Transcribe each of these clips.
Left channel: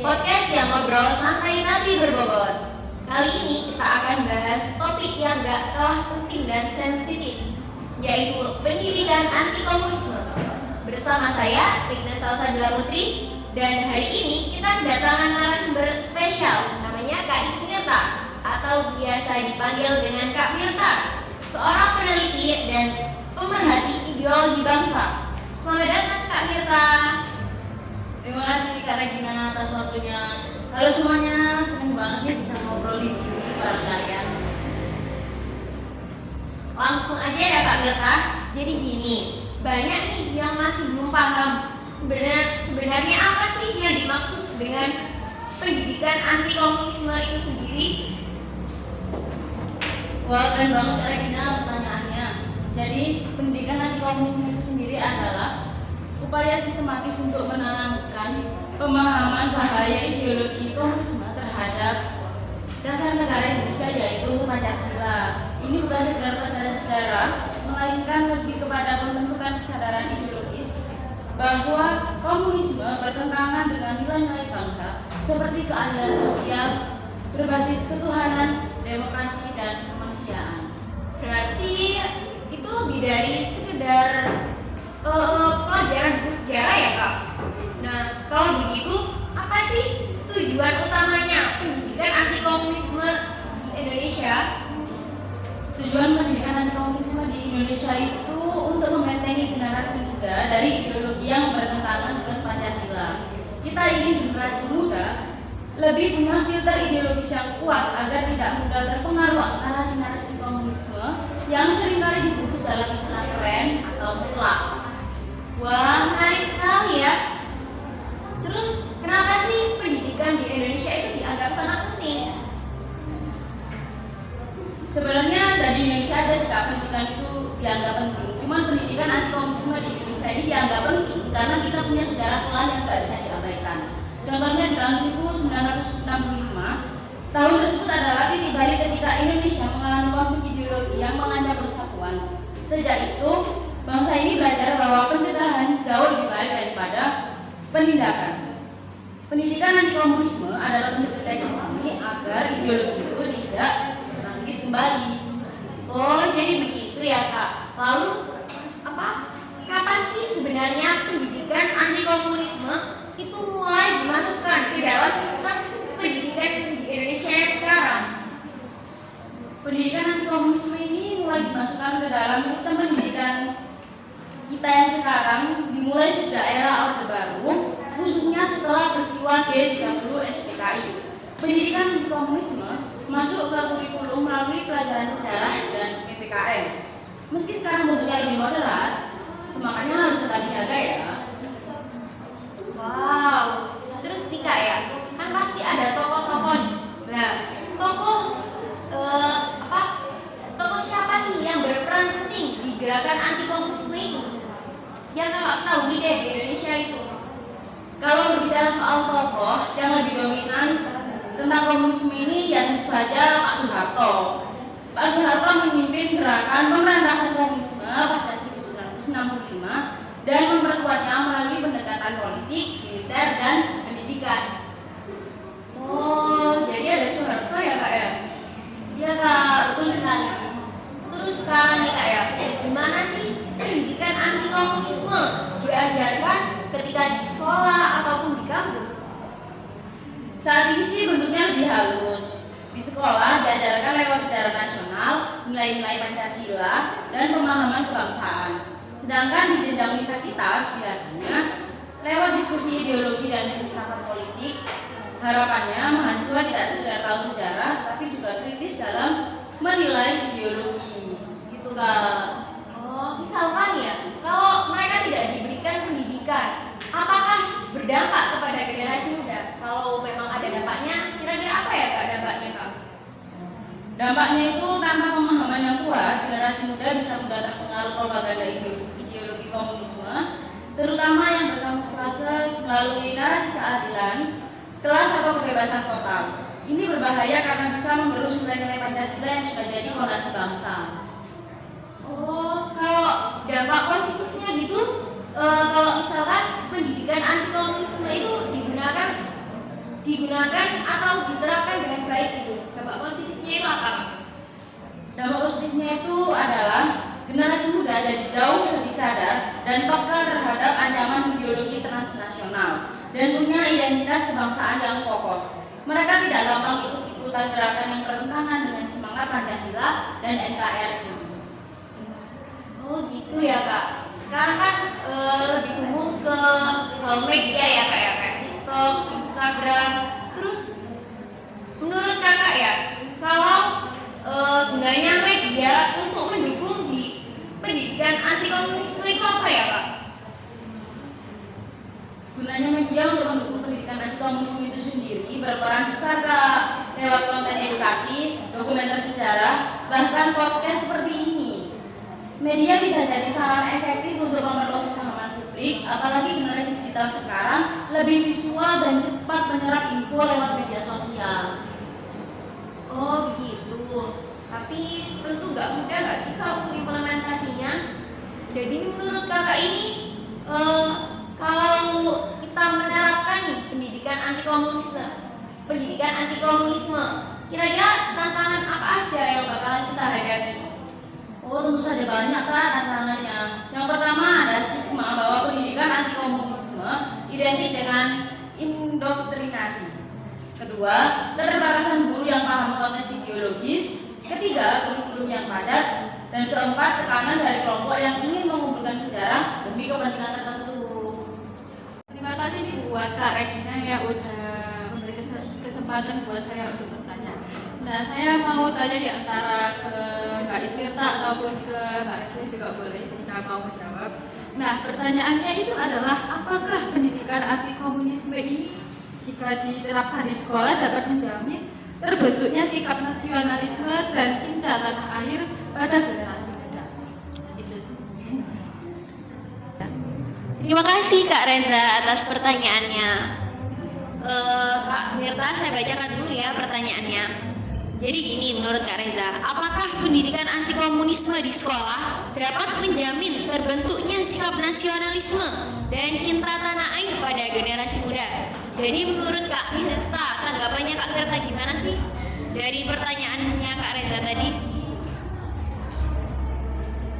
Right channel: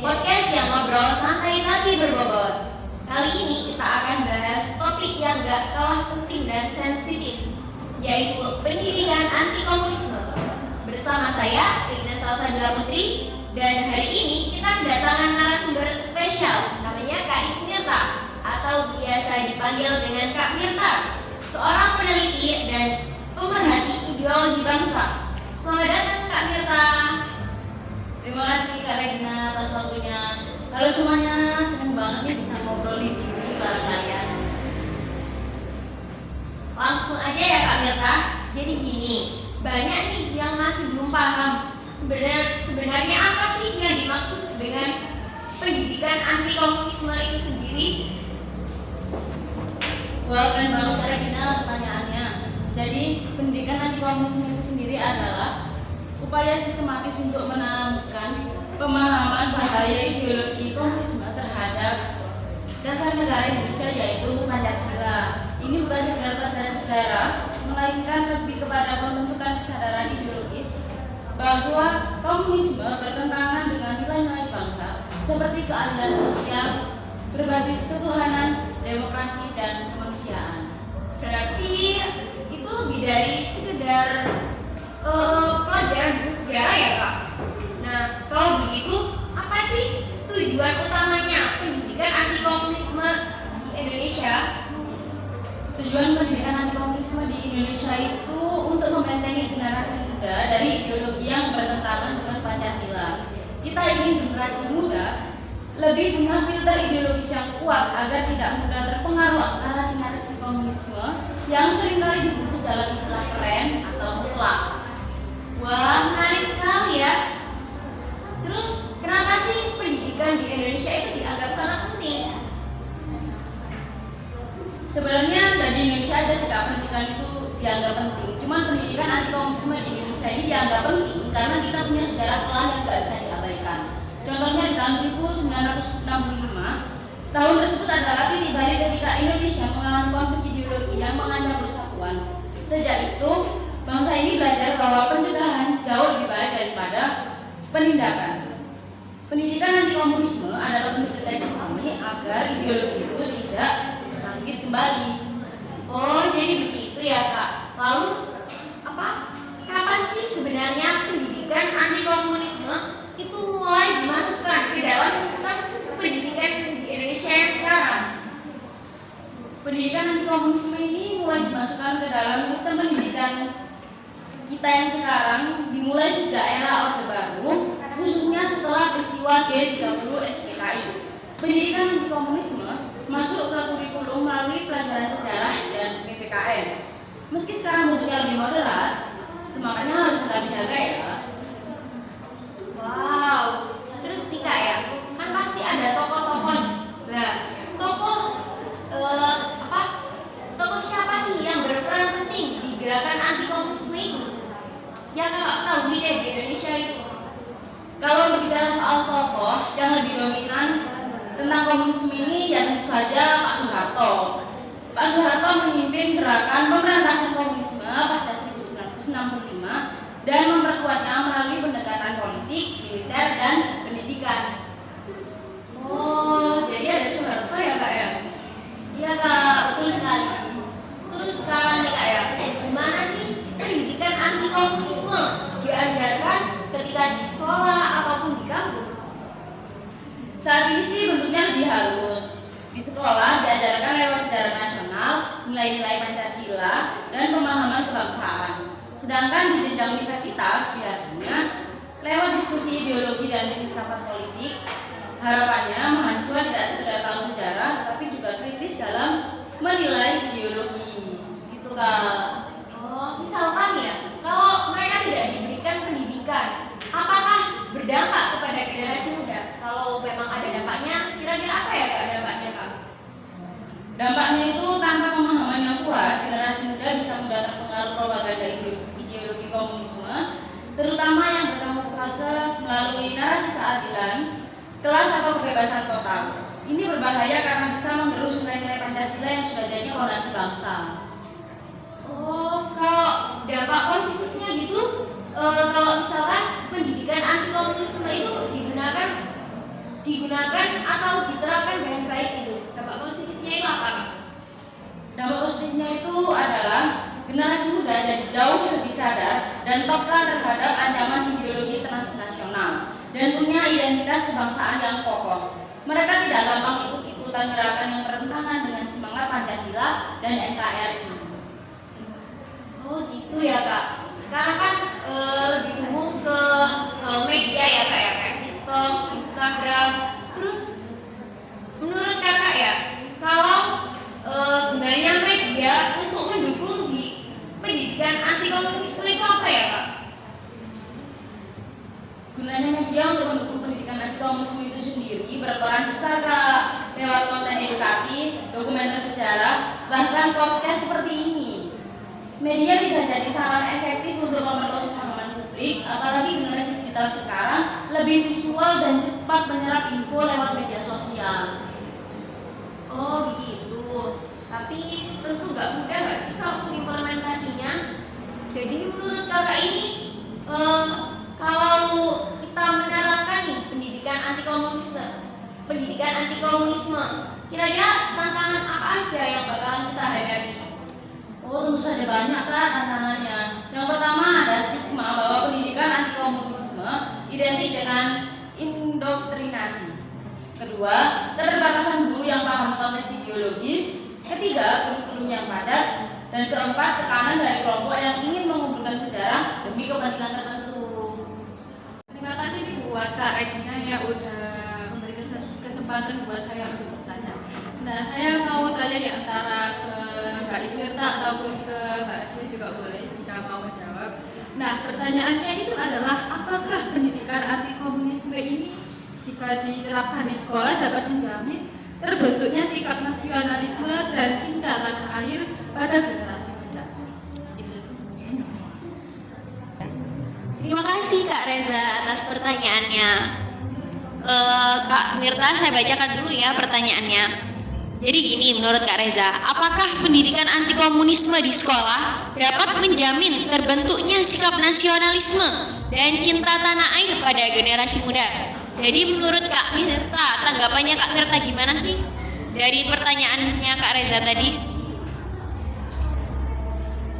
podcast yang ngobrol santai tapi berbobot. Kali ini kita akan bahas topik yang gak kalah penting dan sensitif, yaitu pendidikan anti komunisme. Bersama saya, Rina Salsabila Putri, dan hari ini kita kedatangan narasumber spesial, namanya Kak Ismirta, atau biasa dipanggil dengan Kak Mirta, seorang peneliti dan pemerhati ideologi bangsa. Selamat datang Kak Mirta. Terima kasih Kak Regina atas waktunya. Halo semuanya, senang banget nih bisa ngobrol di sini bareng kalian. Langsung aja ya Kak Mirta. Jadi gini, banyak nih yang masih belum paham sebenarnya apa sih yang dimaksud dengan pendidikan anti komunisme itu sendiri? Wah, keren banget Kak Regina pertanyaannya. Jadi pendidikan anti komunisme itu sendiri adalah upaya sistematis untuk menanamkan pemahaman bahaya ideologi komunisme terhadap dasar negara Indonesia, yaitu Pancasila. Ini bukan sekedar pelajaran sejarah, melainkan lebih kepada pembentukan kesadaran ideologis bahwa komunisme bertentangan dengan nilai-nilai bangsa seperti keadilan sosial, berbasis ketuhanan, demokrasi, dan kemanusiaan. Berarti itu lebih dari sekedar pelajaran buku sejarah ya Kak? Nah, kalau begitu, apa sih tujuan utamanya pendidikan anti komunisme di Indonesia? Tujuan pendidikan anti komunisme di Indonesia itu untuk membentengi generasi muda dari ideologi yang bertentangan dengan Pancasila. Kita ingin generasi muda lebih punya filter ideologis yang kuat agar tidak mudah terpengaruh narasi-narasi komunisme yang seringkali dibungkus dalam istilah keren atau mutlak. Wah, menarik sekali ya. Terus, kenapa sih pendidikan di Indonesia itu dianggap sangat penting? Sebenarnya di Indonesia ada sikap pendidikan itu dianggap penting. Cuman pendidikan anti komunisme di Indonesia ini dianggap penting karena kita punya sejarah kelam yang tidak bisa diabaikan. Contohnya di tahun 1965, tahun tersebut adalah titik balik ketika Indonesia mengalami konflik ideologi yang mengancam persatuan. Sejak itu, bangsa ini belajar bahwa pencegahan jauh lebih baik daripada penindakan. Pendidikan anti komunisme adalah bentuk deteksi ini agar ideologi itu tidak bangkit kembali. Oh, jadi begitu ya Kak. Lalu, kapan sih sebenarnya pendidikan anti komunisme itu mulai dimasukkan ke dalam sistem pendidikan di Indonesia yang sekarang? Pendidikan anti komunisme ini mulai dimasukkan ke dalam sistem pendidikan kita yang sekarang dimulai sejak era Orde Baru, khususnya setelah peristiwa G30 SPKI. Pendidikan anti komunisme masuk ke kurikulum melalui pelajaran sejarah dan PPKN. Meski sekarang bentuknya lebih moderat, semangatnya harus tetap dijaga ya. Wow, terus nih Kak ya, kan pasti ada tokoh-tokoh. Nah, tokoh siapa sih yang berperan penting di gerakan anti komunisme itu? Yang Kakak ketahui deh di Indonesia itu. Kalau berbicara soal tokoh yang lebih dominan tentang komunisme ini, ya tentu saja Pak Soeharto. Pak Soeharto memimpin gerakan pemberantasan komunisme pasca 1965 dan memperkuatnya melalui pendekatan politik, militer, dan pendidikan. Oh, jadi ada Soeharto ya Kak ya? Iya Kak, betul sekali. Terus sekarang nih Kak ya, gimana sih pendidikan anti komunisme diajarkan ketika di sekolah ataupun di kampus? Saat ini sih bentuknya lebih halus. Di sekolah diajarkan lewat sejarah nasional, nilai-nilai Pancasila, dan pemahaman kebangsaan. Sedangkan di jenjang universitas biasanya lewat diskusi ideologi dan filsafat politik. Harapannya mahasiswa tidak sekedar tahu sejarah, tapi juga kritis dalam menilai ideologi. Gitu Kak. Oh, misalkan ya, kalau mereka tidak diberikan pendidikan, apakah berdampak kepada generasi muda? Kalau memang ada dampaknya, kira-kira apa ya Kak dampaknya Kak? Dampaknya itu tanpa pemahaman yang kuat, generasi muda bisa mudah terpengaruh propaganda ideologi komunisme, terutama yang berkamuflase melalui narasi keadilan, kelas atau kebebasan total. Ini berbahaya karena bisa menggerus nilai-nilai Pancasila yang sudah jadi fondasi bangsa. Oh, kalau dampak positifnya gitu, kalau misalkan pendidikan anti komunisme itu digunakan digunakan atau diterapkan dengan baik itu? Dampak positifnya itu apa? Dampak positifnya itu adalah generasi muda jadi jauh lebih sadar dan peka terhadap ancaman ideologi transnasional dan punya identitas kebangsaan yang kokoh. Mereka tidak gampang ikut-ikutan gerakan yang bertentangan dengan semangat Pancasila dan NKRI. Oh gitu ya Kak. Sekarang kan lebih umum ke media ya Kak ya, kayak TikTok, Instagram. Terus menurut Kakak ya, kalau gunanya media untuk mendukung di pendidikan anti komunisme itu apa ya Kak? Gunanya media untuk mendukung pendidikan anti komunisme itu sendiri berperan besar Kak, lewat konten edukatif, dokumenter sejarah, bahkan podcast seperti ini. Media bisa jadi sarana efektif untuk memperluas pemahaman publik, apalagi generasi digital sekarang lebih visual dan cepat menyerap info lewat media sosial. Oh begitu. Tapi tentu nggak mudah nggak sih Kak untuk implementasinya? Jadi menurut Kakak ini kalau kita menerapkan nih pendidikan anti komunisme, kira-kira tantangan apa aja yang bakalan kita hadapi? Oh, tentu saja banyak Kak tantangannya. Yang pertama ada stigma bahwa pendidikan anti komunisme identik dengan indoktrinasi. Kedua, keterbatasan guru yang paham konteks ideologis. Ketiga, kurikulum yang padat. Dan keempat, tekanan dari kelompok yang ingin mengumpulkan sejarah demi kepentingan tertentu. Terima kasih nih buat Kak Regina ya udah memberi kesempatan buat saya untuk bertanya. Nah, saya mau tanya di antara ke Mbak Ismirta ataupun ke Mbak Regina juga boleh jika mau menjawab. Nah, pertanyaannya itu adalah apakah pendidikan anti komunisme ini jika diterapkan di sekolah dapat menjamin terbentuknya sikap nasionalisme dan cinta tanah air pada generasi muda? Itu. Terima kasih Kak Reza atas pertanyaannya. Kak Mirta, saya bacakan dulu ya pertanyaannya. Jadi gini, menurut Kak Reza, apakah pendidikan anti komunisme di sekolah dapat menjamin terbentuknya sikap nasionalisme dan cinta tanah air pada generasi muda? Jadi menurut Kak Mirta, tanggapannya Kak Mirta gimana sih dari pertanyaannya Kak Reza tadi?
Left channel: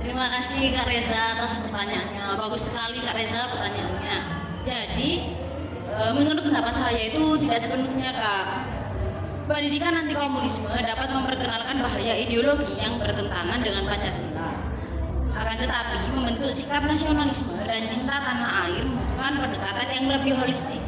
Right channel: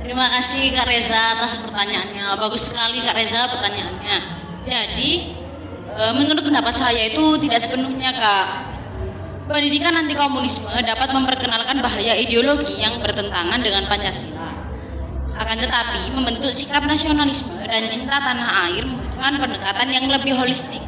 Terima kasih Kak Reza atas pertanyaannya. Bagus sekali Kak Reza pertanyaannya. Jadi menurut pendapat saya itu tidak sepenuhnya Kak. Pendidikan anti komunisme dapat memperkenalkan bahaya ideologi yang bertentangan dengan Pancasila. Akan tetapi membentuk sikap nasionalisme dan cinta tanah air membutuhkan pendekatan yang lebih holistik.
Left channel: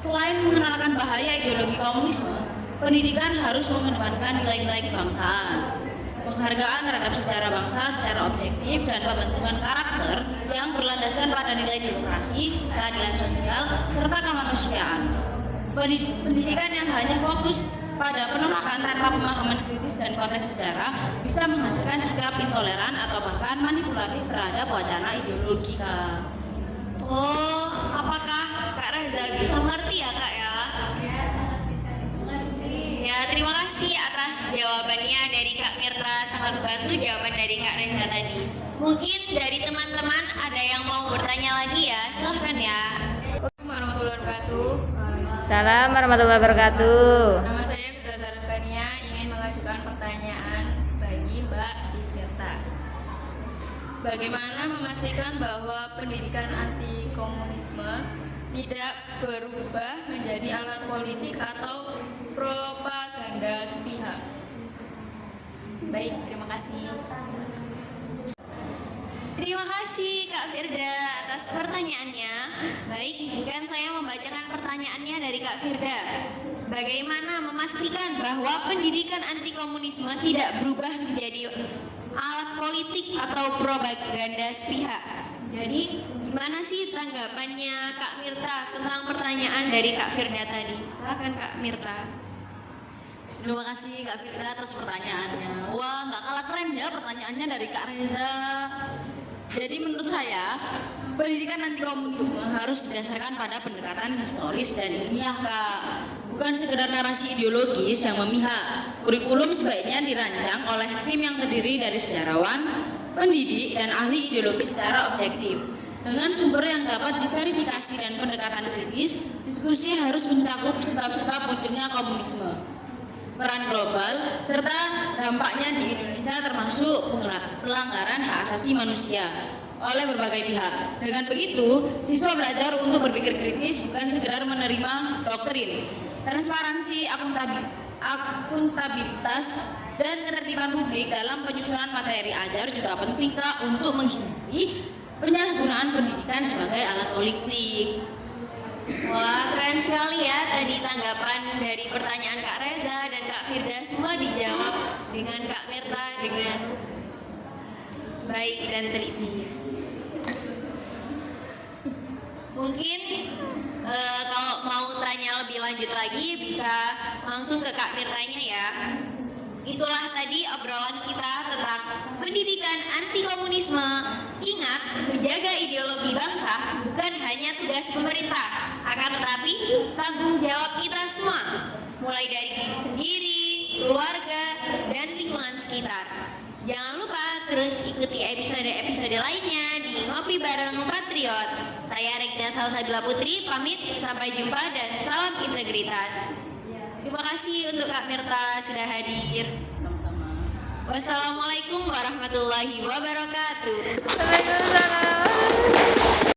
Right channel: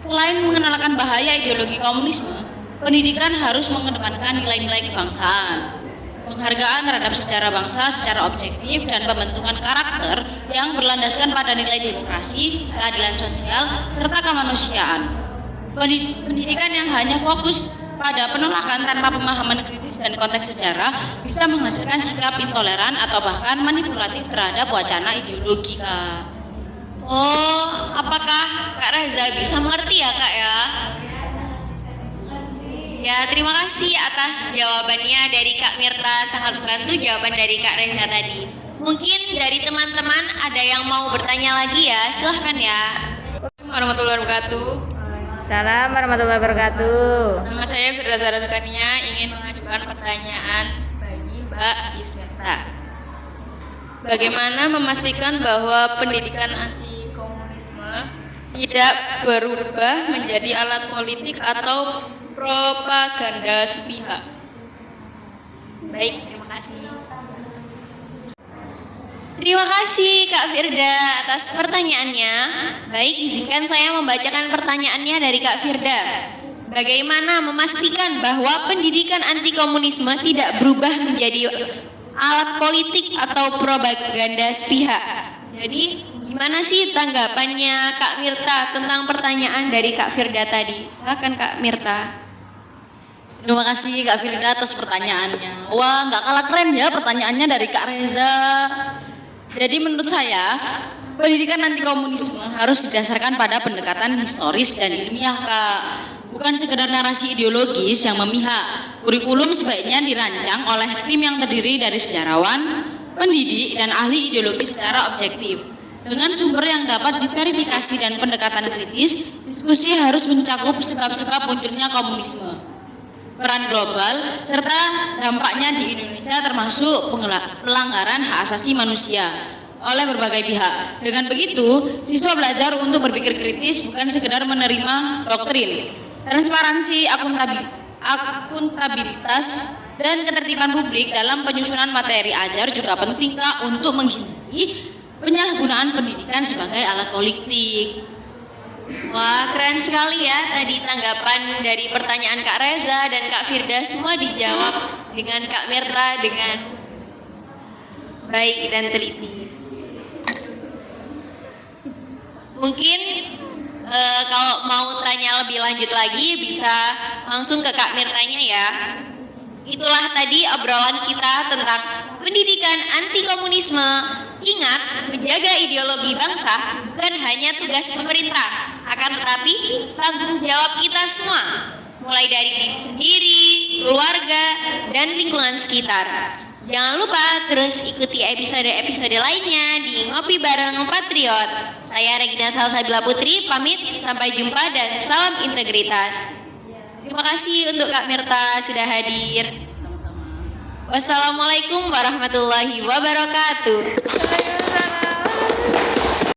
Selain mengenalkan bahaya ideologi komunisme, pendidikan harus mengedepankan nilai-nilai kebangsaan, penghargaan terhadap sejarah bangsa secara objektif, dan pembentukan karakter yang berlandaskan pada nilai demokrasi, keadilan sosial, serta kemanusiaan. Pendidikan yang hanya fokus pada penolakan tanpa pemahaman kritis dan konteks sejarah bisa menghasilkan sikap intoleran atau bahkan manipulatif terhadap wacana ideologi Kak. Oh, apakah Kak Reza bisa mengerti ya Kak ya? Ya, terima kasih atas jawabannya dari Kak Mirta, sangat membantu jawaban dari Kak Reza tadi. Mungkin dari teman-teman ada yang mau bertanya lagi ya, silahkan ya. Assalamualaikum warahmatullahi wabarakatuh. Salam warahmatullahi wabarakatuh. Nama saya Firda Saratania, ingin mengajukan pertanyaan bagi Mbak Ismirta. Bagaimana memastikan bahwa pendidikan anti komunisme tidak berubah menjadi alat politik atau propaganda sepihak? Baik, terima kasih. Terima kasih Kak Firda atas pertanyaannya. Baik, izinkan saya membacakan pertanyaannya dari Kak Firda. Bagaimana memastikan bahwa pendidikan anti komunisme tidak berubah menjadi alat politik atau propaganda sepihak? Jadi, gimana sih tanggapannya Kak Mirta tentang pertanyaan dari Kak Firda tadi? Silakan Kak Mirta. Terima kasih Kak Firda atas pertanyaannya. Wah, nggak kalah keren ya pertanyaannya dari Kak Reza. Jadi menurut saya, pendidikan anti komunisme harus didasarkan pada pendekatan historis dan ilmiah Kak. Bukan sekedar narasi ideologis yang memihak. Kurikulum sebaiknya dirancang oleh tim yang terdiri dari sejarawan, pendidik, dan ahli ideologi secara objektif. Dengan sumber yang dapat diverifikasi dan pendekatan kritis, diskusi harus mencakup sebab-sebab munculnya komunisme, peran global, serta dampaknya di Indonesia termasuk pelanggaran hak asasi manusia oleh berbagai pihak. Dengan begitu, siswa belajar untuk berpikir kritis bukan sekedar menerima doktrin. Transparansi, akuntabilitas, dan ketertiban publik dalam penyusunan materi ajar juga penting Kak untuk menghindari penyalahgunaan pendidikan sebagai alat politik. Wah, keren sekali ya tadi tanggapan dari pertanyaan Kak Reza dan Kak Firda, semua dijawab dengan Kak Mirta dengan baik dan teliti. Mungkin kalau mau tanya lebih lanjut lagi bisa langsung ke Kak Mirtanya ya. Itulah tadi obrolan kita tentang pendidikan anti komunisme. Ingat, menjaga ideologi bangsa bukan hanya tugas pemerintah, akan tetapi tanggung jawab kita semua, mulai dari diri sendiri, keluarga, dan lingkungan sekitar. Jangan lupa terus ikuti episode-episode lainnya di Ngopi Bareng Patriot. Saya Regina Salsabila Putri, pamit, sampai jumpa dan salam integritas. Terima kasih untuk Kak Mirta sudah hadir. Wassalamualaikum warahmatullahi wabarakatuh. Waalaikumsalam.